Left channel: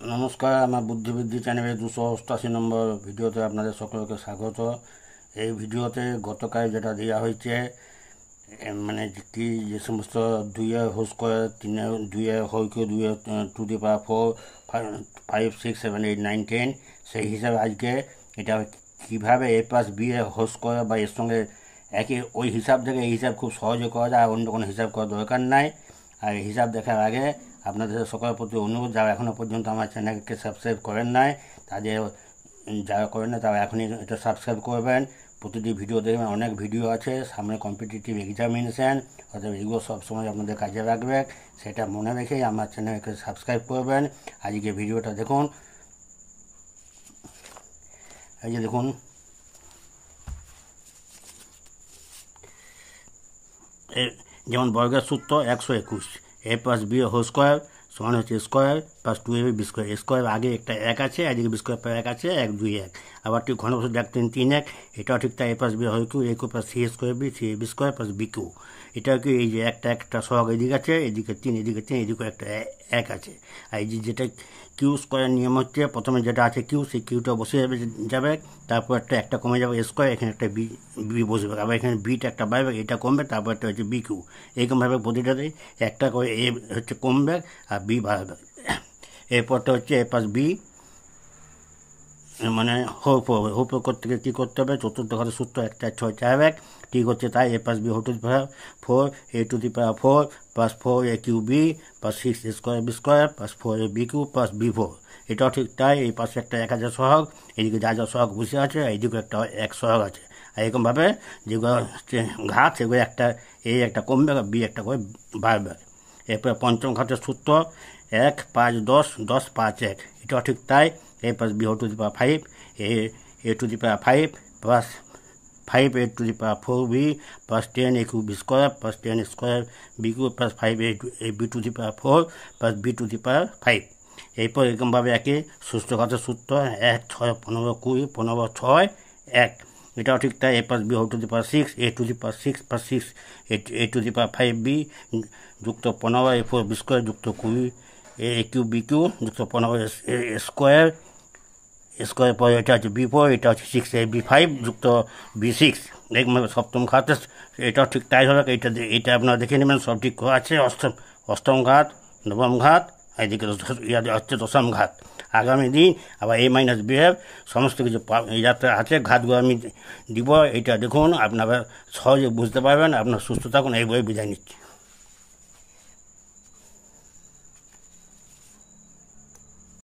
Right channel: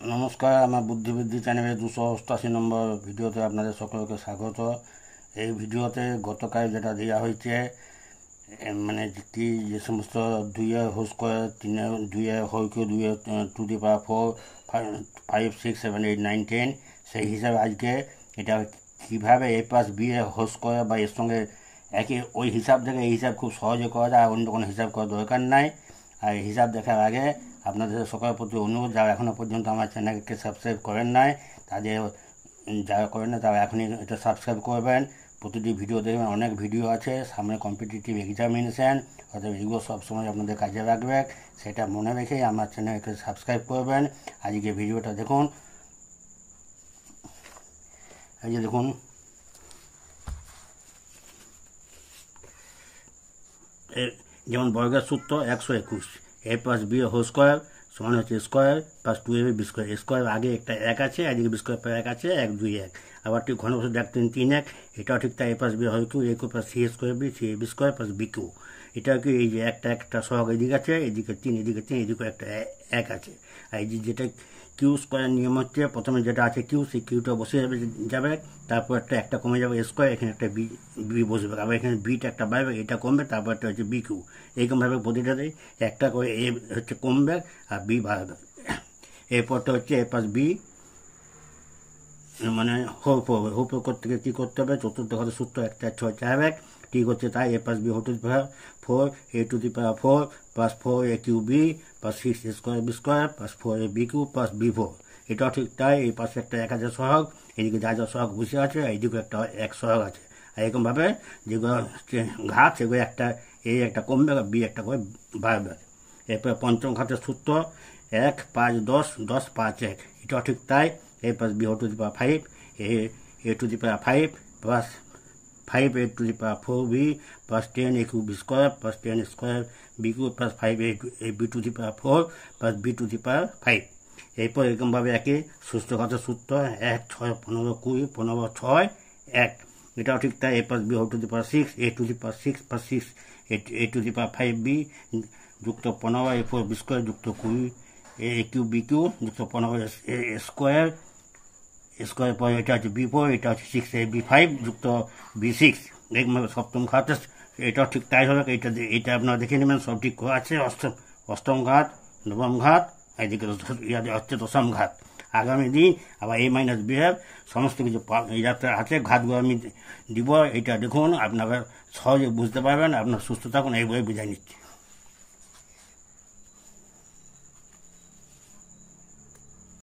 নমস্কার, আমার বুদ্ধিবৃদ্ধি চ্যানেলের 288 নম্বর ভিডিওতে আপনাদের সকলকে স্বাগত। এই ভিডিওতে গতকাল যেটা দেওয়া হয়েছে, মানে কি যে সমস্ত 2 হোস করে 3 2 হয়কে 2 টু দি পাওয়ার 4 5 6 7 8 9 10, সেই হিসাবে আজকে এটা কীভাবে a+b হোস করে বা এর সঙ্গে একই ওই হিসাব থেকে এই হিসাব খুব সহজে করা যায়, অন্য কোনো হিসাব করার দরকার নাই। আর এই হিসাব দেখার আগে আপনাদের সকলের প্রতি অনুরোধ, যারা এখনও পর্যন্ত আমার চ্যানেলকে সাবস্ক্রাইব করেন নাই, তাদের যারা করেন না তারা এখনই এটা সাবস্ক্রাইব করবেন। প্রতিটি ভিডিও দেখবেন, অনেক ভিডিও আছে, সামনে কম্পিটিটিভ এক্সামিনেশান, অর্থাৎ এগুলো সবসময় আপনাদের কাজে রাখবে, সেটা মনে রেখে আমার চ্যানেলকে সাবস্ক্রাইব করবেন। আজকে ভিডিওটা দেখুন। এই যে দেখুন, যেমন বর্গের সূত্র 121, a+b হোল স্কোয়ার সমান হচ্ছে square plus 2ab square. Square আগে একটা 1 আছে, এদিকে বি স্কোয়ার পর 1 আছে, 1 2 1। আবার ঠিক ঘনবস্তু 1 3 3 1, এটাও ঠিক তাই, a+b হয় cube, a cube plus C square B, C B square plus B cube. এটাও কি এই যে একটা সহগ এদিকে আছে, এদিকে 3, এদিকে 3, এদিকে একটা 1 আছে। আর এই যে যেটা কিউ স্কোয়ার নিয়ম হচ্ছে, প্রথমে যেটা আছে কিউ, সেই কিউটা বসে যাবে, তারপর একটা কমে যাবে স্কোয়ার, এখানে একটা বি বসবে, আবার এখানে বিটা একটা বাড়বে, এটা কমবে, তারপর একটা হচ্ছে বি কিউ। এইরকমভাবে প্রতিটাতে একটা করে এ হচ্ছে কমবে আর বি বাড়বে। এরপরটা হচ্ছে a+b মানে হোপ করতে গেলে কী করতে হবে, চতুর্থ ঘরের সূত্র 1 4 6 4 1, ঠিক হচ্ছে তাই। a+b whole to the power 4 a to the power 4 plus 4 a cube B plus 6 a square B square plus 4 a B cube plus B 4। এটাও ঠিক তাই, এই পাশে একটা 1 হাজার সহগ, এদিকে যা যা সহগ বসে আছে, এইদিকে একটা 1 সহগ আছে। আর এরকমভাবে যেগুলো ঘাত, সেগুলো একটা এ একটা কমবে, বি একটা করে বাড়বে। এরপরে পঞ্চম ঘাতের সূত্র 1 5 10 10 5 1, এটাও ঠিক তাই। a+b whole to the power 5 a to the power 5 plus 5 a to the power 4b plus 10 a cube B square plus 10 square B cube plus 5 a B to the power 4 plus B to the power 5। এরপর এরকমভাবে একই সুস্থ ঘাতের সূত্র 1 6 15 20 15 6 1, এটাও ঠিক তাই। a+b whole to the power 6 a to the power 6 plus 6 a to the power 5b যুক্ত 15 a4 B square যুক্ত 20 a কিউ বি কিউ যুক্ত 15 স্কোয়ার স্কোয়ার পর এটা হচ্ছে বি4, এটা হচ্ছে 6 ab5 যুক্ত বি6। দেখবেন সপ্তম ঘাত, এটাও ঠিক তাই হবে। এটা আপনারা দেখে নেবেন, সব ঠিক আছে। অষ্টম ঘাত, নবম ঘাত, এদিকে হচ্ছে দশম ঘাত। আগামী দিন আবার a-b সমস্ত কিছু যাতে আছে, ঘাতগুলো আমি দিব। এটা দেখুন, আপনারা সহজে বুঝতে পারবেন। আপনার সুস্থ থাকুন, এই বই বিদায় নিচ্ছি।